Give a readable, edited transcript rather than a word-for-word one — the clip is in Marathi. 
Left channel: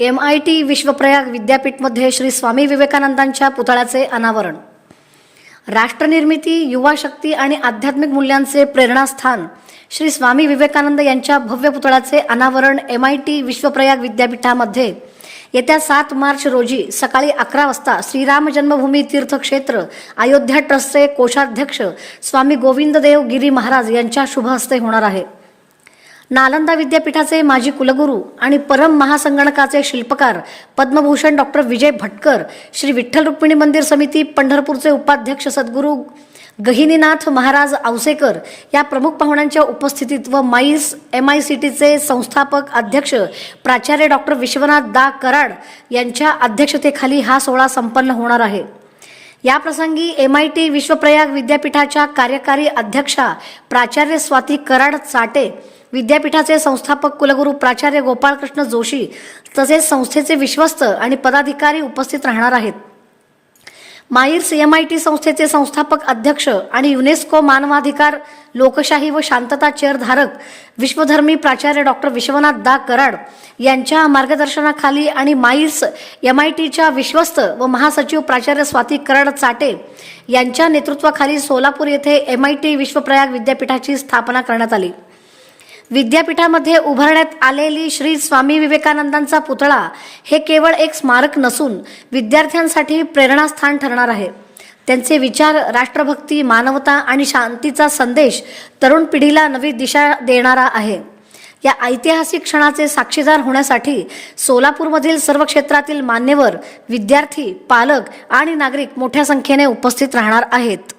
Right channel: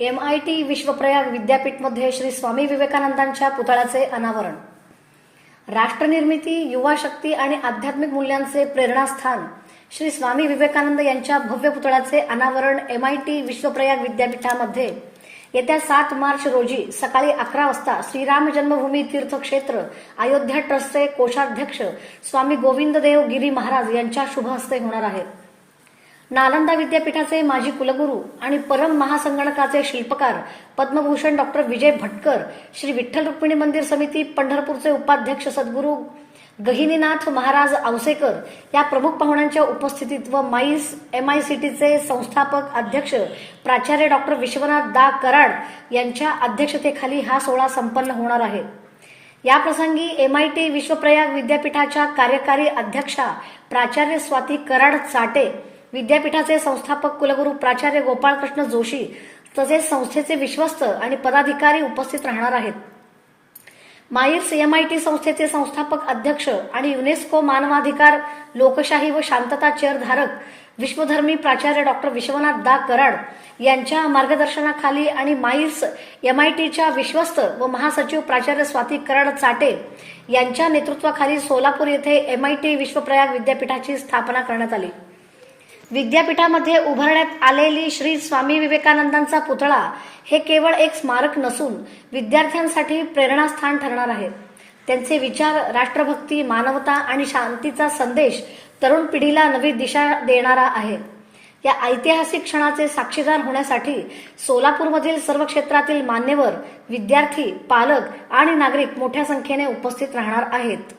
MIT विश्वप्रयाग विद्यापीठमध्ये श्री स्वामी विवेकानंदांच्या पुतळ्याचे अनावरण। राष्ट्रनिर्मिती, युवा शक्ती आणि आध्यात्मिक मूल्यांचे प्रेरणास्थान श्री स्वामी विवेकानंद यांच्या भव्य पुतळ्याचे अनावरण MIT विश्वप्रयाग विद्यापीठामध्ये येत्या 7 मार्च रोजी सकाळी 11 वाजता श्रीराम जन्मभूमी तीर्थक्षेत्र अयोध्या ट्रस्टचे कोषाध्यक्ष स्वामी गोविंददेव गिरी महाराज यांच्या शुभ हस्ते होणार आहे। नालंदा विद्यापीठाचे माजी कुलगुरू आणि परम महासंगणकाचे शिल्पकार पद्मभूषण डॉक्टर विजय भटकर, श्री विठ्ठल रुक्मिणी मंदिर समिती पंढरपूरचे उपाध्यक्ष सद्गुरू गहिनीनाथ महाराज औसेकर या प्रमुख पाहुण्यांच्या उपस्थितीत व माईस MICTचे संस्थापक अध्यक्ष प्राचार्य डॉक्टर विश्वनाथ दा कराड यांच्या अध्यक्षतेखाली हा सोहळा संपन्न होणार आहे। या प्रसंगी MIT विश्वप्रयाग विद्यापीठाच्या कार्यकारी अध्यक्षा प्राचार्य स्वाती कराड चाटे, विद्यापीठाचे संस्थापक कुलगुरू प्राचार्य गोपाळकृष्ण जोशी तसेच संस्थेचे विश्वस्त आणि पदाधिकारी उपस्थित राहणार आहेत। माईर्स MIT संस्थेचे संस्थापक अध्यक्ष आणि युनेस्को मानवाधिकार लोकशाही व शांतता चेअरधारक विश्वधर्मी प्राचार्य डॉक्टर विश्वनाथ दा कराड यांच्या मार्गदर्शनाखाली आणि माईर्स MITच्या विश्वस्त व महासचिव प्राचार्य स्वाती कराड चाटे यांच्या नेतृत्वाखाली सोलापूर येथे MIT विश्वप्रयाग विद्यापीठाची स्थापना करण्यात आली। विद्यापीठामध्ये उभारण्यात आलेली श्री स्वामी विवेकानंदांचा पुतळा हे केवळ एक स्मारक नसून विद्यार्थ्यांसाठी प्रेरणास्थान ठरणार आहे। त्यांचे विचार, राष्ट्रभक्ती, मानवता आणि शांतीचा संदेश तरुण पिढीला नवी दिशा देणारा आहे। या ऐतिहासिक क्षणाचे साक्षीदार होण्यासाठी सोलापूरमधील सर्व क्षेत्रातील मान्यवर, विद्यार्थी, पालक आणि नागरिक मोठ्या संख्येने उपस्थित राहणार आहेत।